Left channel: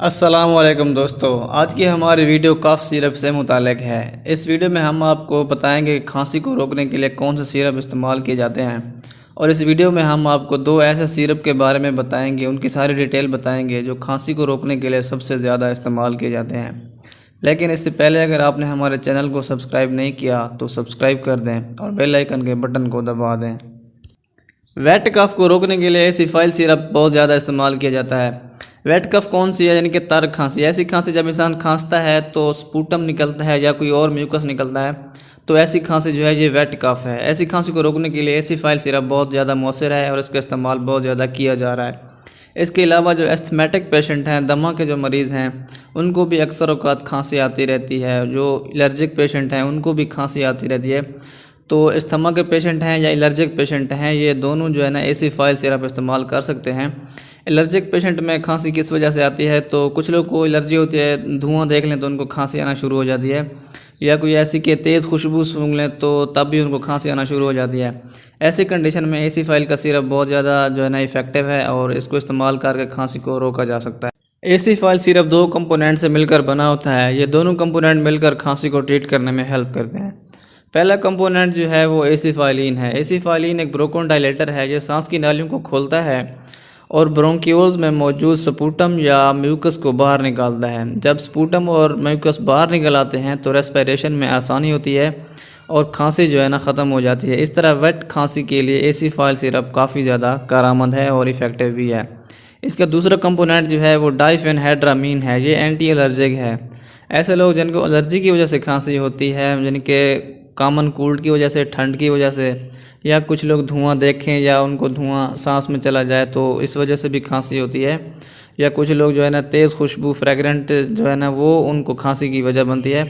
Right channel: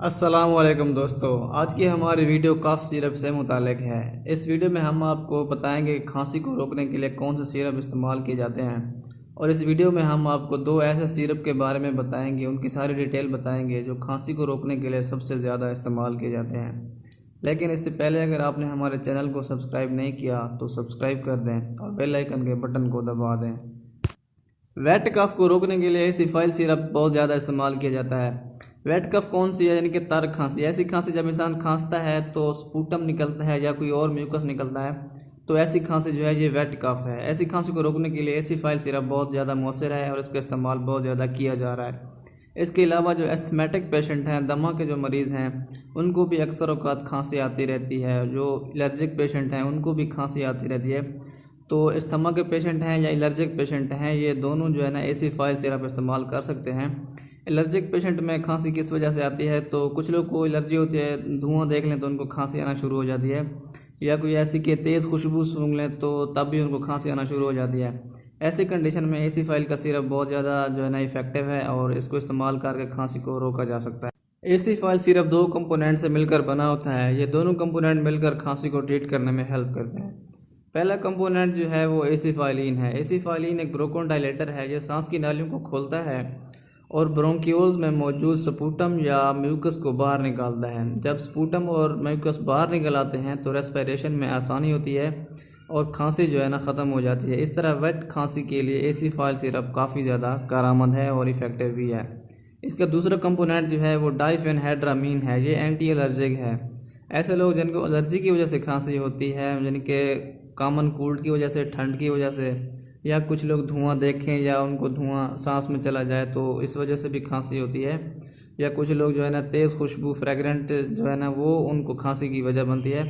अस्सलाम वालेकुम दोस्तों। आज की हमारी वीडियो कफ सिरप से मुतालिक है। इस वीडियो में हम आपको बताएंगे कि खांसी को रोकने के लिए कौन से सिरप इस्तेमाल किए जाते हैं, और इस वीडियो में हम आपको दो ऐसे सिरप के बारे में बताएंगे, उनकी सारी डिटेल बताएंगे जो खांसी को रोकने के लिए सबसे ज़्यादा इस्तेमाल किए जाते हैं। लेकिन इससे पहले अगर आपने हमारे चैनल को सब्सक्राइब नहीं किया तो सब्सक्राइब कर दें और बेल आइकन के बटन को दबा दें। वेट कफ को रोकने के लिए एसिफाइल सिरप बहुत ज़्यादा इस्तेमाल किया जाता है। वेट कफ कौन सी है? यानी कि तर खांसी। ऐसी खांसी जब इंसान खांसता है तो स्पूटम निकलता है या कोई और म्यूकस निकलता है, तो ऐसी खांसी जो है ये वेट कफ है। ऐसी खांसी को रोकने के लिए एसिफाइल सिरप बहुत ज़्यादा मौसर है और इसका इस्तेमाल बहुत ज़्यादा किया जा रहा है। इसके अलावा जो एस्थमेटिक पेशेंट हैं, दमा के जो मरीज़ हैं, उनको भी अक्सर औक़ात खांसी आती रहती है। जो एलर्जिक पेशेंट हैं उनको भी खांसी आती रहती है। तो अस्थमा के पेशेंट हैं या एलर्जिक पेशेंट हैं, ये दोनों जो है ना एसिफाइल सिरप इस्तेमाल कर सकते हैं। एलर्जिक पेशेंट में खांसी किस वजह से आती है? तो कुछ लोग को एलर्जी होती है, धुआं देख लें तो उनको खांसी आना शुरू हो जाती है, या कोई ऐसी कि तेज़ खुशबू सूंघ लें तो तब भी उनको खांसी आना शुरू हो जाती है। ऐसी कंडीशन में एसिफाइल का सिरप बहुत ज़्यादा जो है ना इफ़ेक्टिव है और इसको इस्तेमाल करके खांसी को रोका जा सकता है। एसिफाइल सिरप दो कंपोनेंट से मिलकर बना होता है। ये दोनों कंपोनेंट मिलकर खांसी को ट्रीट करने में हेल्प करते हैं। पहला कंपोनेंट जो है वो एसिफाइलिन है। एसिफाइलिन एक ब्रोंकोडायलेटर है, जो सांस की नालियों को खोलता है और ब्रोंक्यूल्स में मौजूद स्पूटम या म्यूकस को बाहर निकालता है। जब स्पूटम और म्यूकस बाहर निकल आते हैं तो रेस्पिरेशन में आसानी होती है और खांसी जो है ना ख़त्म हो जाती है। इस तरह वेट खांसी के लिए एसिफाइल सिरप काफ़ी ज़्यादा कारआमद है और इफ़ेक्टिव भी है। इसका दूसरा कंपोनेंट जो है वो डाइफेनहाइड्रामीन है। ये एंटी एलर्जिक है। ऐसे लोग जिनको एलर्जी की वजह से खांसी होती है, जिनके कॉमन कोल्ड की वजह से, ठंड की वजह से, या कुछ लोग धुआं देखें या उनको धुआं सांस में चला जाए तो इस वजह से भी खांसी होती है, या कुछ लोग जो है ना तेज़ खुशबू फ्रेगरेंट जो है ना वो उनको खांसी की वजह बनती है,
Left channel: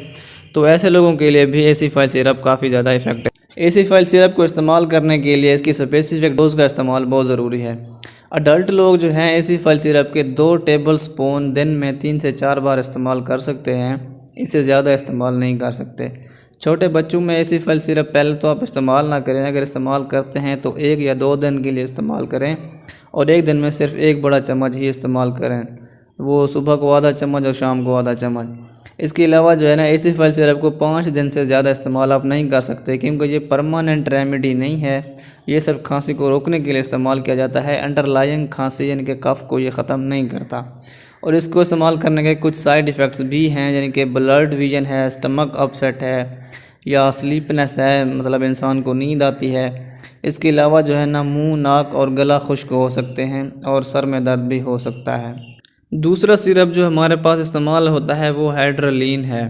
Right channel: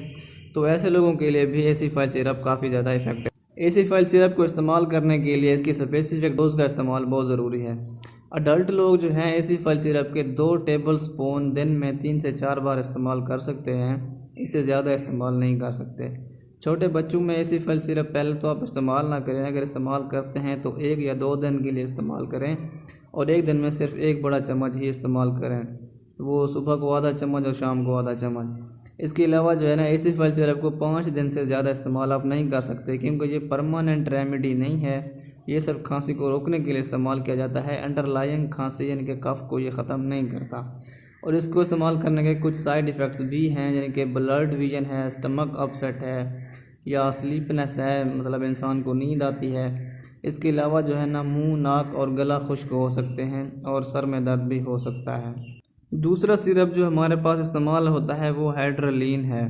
तो ऐसे लोगों के लिए भी एसिफाइल सिरप काफ़ी ज़्यादा इफेक्टिव। एसिफाइल सिरप को इस्तेमाल करने के लिए इसकी स्पेसिफिक डोज का इस्तेमाल बहुत ज़रूरी है। अडल्ट लोग जो हैं एसिफाइल सिरप के 2 टेबल स्पून दिन में 3 से 4 बार इस्तेमाल कर सकते हैं, इससे ज़्यादा इस्तेमाल नहीं कर सकते। छोटे बच्चों में एसिफाइल सिरप पहले तो आप इस्तेमाल ना करें। अगर इस्तेमाल करते हैं तो 1 या 2 दिन के लिए इस्तेमाल करें और 1 दिन में सिर्फ 1 बड़ा चम्मच ही इस्तेमाल करें, वो सुबह को आधा चम्मच और शाम को आधा चम्मच। इसके अलावा जो है ना एसिफाइल सिरप को 5 दिन से ज़्यादा इस्तेमाल आप नहीं कर सकते, क्योंकि ये परमानेंट रेमेडी नहीं है। ये सिर्फ खांसी को रोकने के लिए इस्तेमाल किया जाता है। अंडरलाइंग खांसी यानी कि कफ को ये ख़त्म नहीं करता। और इसको इस्तेमाल करने के कुछ साइड इफ़ेक्ट्स भी हैं, यानी कि ब्लड विजन है, स्टमक अपसेट है, या स्लीपनेस है, मतलब इंसान को नींद आती है। इसके अलावा जो है ना मुंह, नाक और गला खुश्क हो सकते हैं और सर में दर्द भी हो सकता है। दूसरा सिरप जो हमारे पास इस्तेमाल होता है वो हाइड्रोलिन है।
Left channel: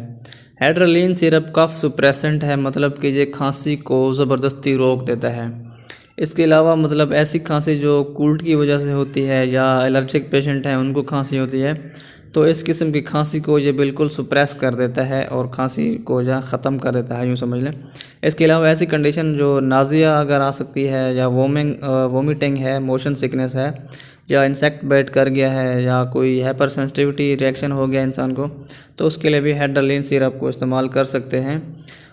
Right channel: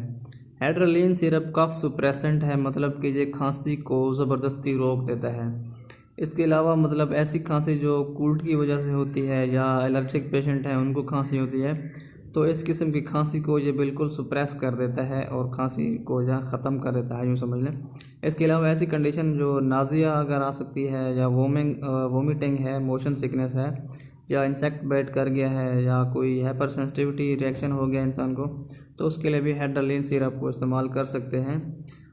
हाइड्रोलिन सिरप कफ सुप्रेसेंट है, मतलब कि ये खांसी को ज़बरदस्ती रोक देता है। इसके अलावा मतलब ऐसी खांसी जो कोल्ड की वजह से होती है या एलर्जिक पेशेंट हैं उनको खांसी होती है, तो इस किस्म की खांसी को ये बिल्कुल सुप्रेस कर देता है और खांसी को जो ख़त्म कर देता है, यूँ समझ लें। इसके अलावा ऐसी कंडीशन जो नाज़िया अगर आ सकती है, या वोमिटिंग है, मोशन सिकनेस है, या इंसेक्ट बाइट कर गया है, या कोई हाइपर सेंसिटिविटी रिएक्शन हो गया इंसान को, तो उसके लिए भी हाइड्रोलिन सिरप को इस्तेमाल कर सकते हैं।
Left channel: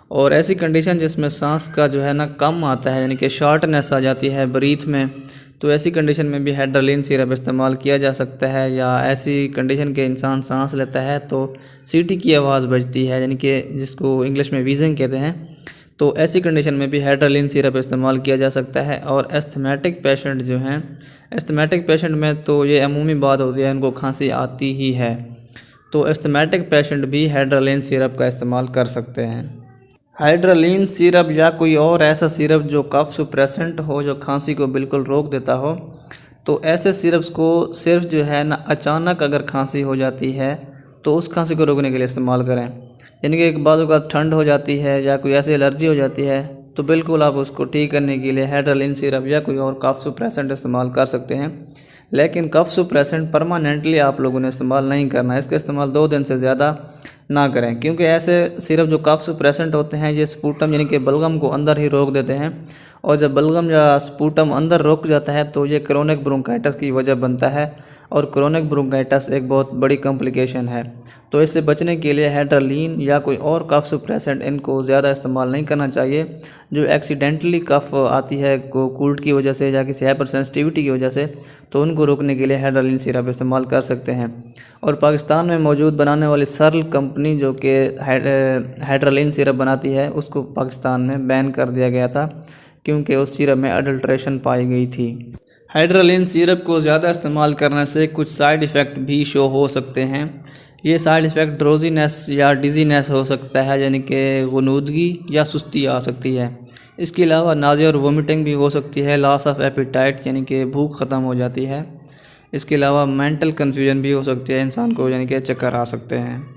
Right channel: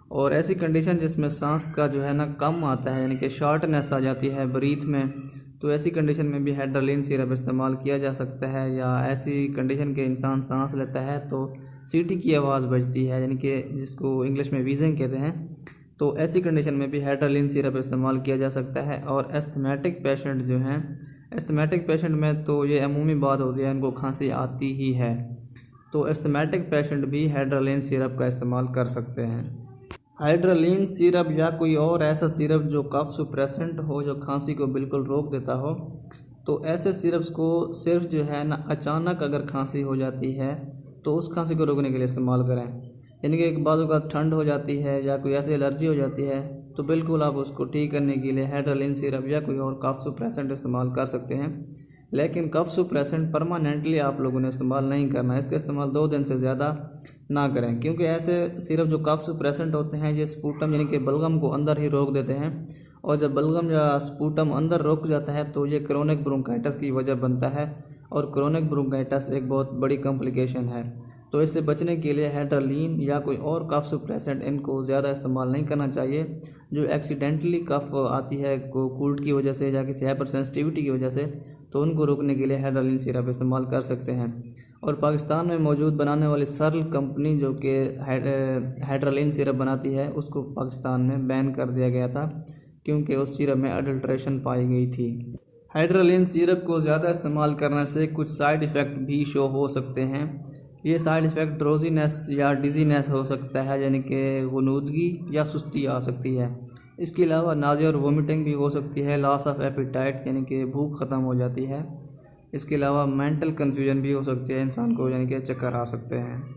और ऐसी कंडीशन जिसमें सांस का जो है ना कम आता है, यानी कि शॉर्टनेस आ जाती है ब्रीथ में, तो ऐसी कंडीशन में भी हाइड्रोलिन सिरप इस्तेमाल किया जा सकता है। या ऐसी कंडीशन के इंसान सांस लेता है तो सीटी की आवाज़ बजती है, यानी कि जिसको इंग्लिश में वीजिंग कहते हैं, तो ऐसी कंडीशन में भी हाइड्रोलिन सिरप इस्तेमाल किया जा सकता है। और एस्थमेटिक पेशेंट जो हैं, एस्थमेटिक पेशेंट में तो ये अमूमी बात होती है, इनको खांसी आती ही है, तो एस्थमेटिक पेशेंट भी हाइड्रोलिन सिरप का इस्तेमाल कर सकते हैं। हाइड्रोलिन सिरप या कोई और ऐसा सिरप जो कफ सुप्रेसेंट हो, जो खांसी को बिल्कुल रोक देता हो, तो ऐसे सिरप्स को सिर्फ जो है ना अचानक अगर खांसी हो जाती है तो उस खांसी को रोकने के लिए इस्तेमाल करें। यानी कि एक बाज़ का ठंड हो जाती है या कोई ऐसी एलर्जी हो जाती है, तो बिल्कुल आप उसको ठीक करने के लिए हाइड्रोलिन सिरप या कोई और कफ सुप्रेसेंट इस्तेमाल कर सकते हैं। लेकिन कफ सुप्रेसेंट परमानेंटली आप लोगों ने इस्तेमाल नहीं करना है। इसका इस्तेमाल 2 दिन से ज़्यादा ना करें, क्योंकि ऐसे सिरप जो कफ सुप्रेसेंट होते हैं ये स्पूटम यानी कि बलगम को अंदर ही रोक देते हैं और जब बलगम या स्पूटम अंदर रुक जाता है तो ये क्रोनिक ब्रोंकाइटिस की वजह बनता है और क्रोनिक ब्रोंकाइटिस एक बहुत बड़ी कॉम्प्लिकेशन है। तो इससे बचने के लिए हेड्रालीन या कोई और कफ सुप्रेसेंट इनको ज़्यादा इस्तेमाल नहीं करना चाहिए। जो एक्सीडेंटली कफ आती है कोल्ड की वजह से या किसी हाइपर सेंसिटिविटी की वजह से, तो उनको रोकने के लिए हेड्रालीन सिरप इस्तेमाल कर सकते हैं। और पाकिस्तान में मौजूद बनाने वाली सर्ल कंपनी जो कि हेड्रालीन सिरप बनाती है, उसको पाकिस्तान में बैन कर दिया गया था क्योंकि उस सिरप में अडल्ट्रेशन पाई गई थी। हाइड्रालीन सिरप को ज़्यादा इस्तेमाल करने से कुछ साइड इफ़ेक्ट भी शो हो सकते हैं। ये साइड इफ़ेक्ट ड्रोजीनेस या डिजीनेस हो सकता है, यानी कि गुनूदगी या सुस्ती आ सकती है। इसके अलावा नाज़िया और वोमिटिंग भी हो सकती है। लॉस ऑफ एपिटाइट यानी कि भूख ख़त्म हो जाती है। इसके अलावा मेंटल कन्फ्यूजन भी हो सकती है इंसान को, यानी कि चक्कर आ सकते हैं।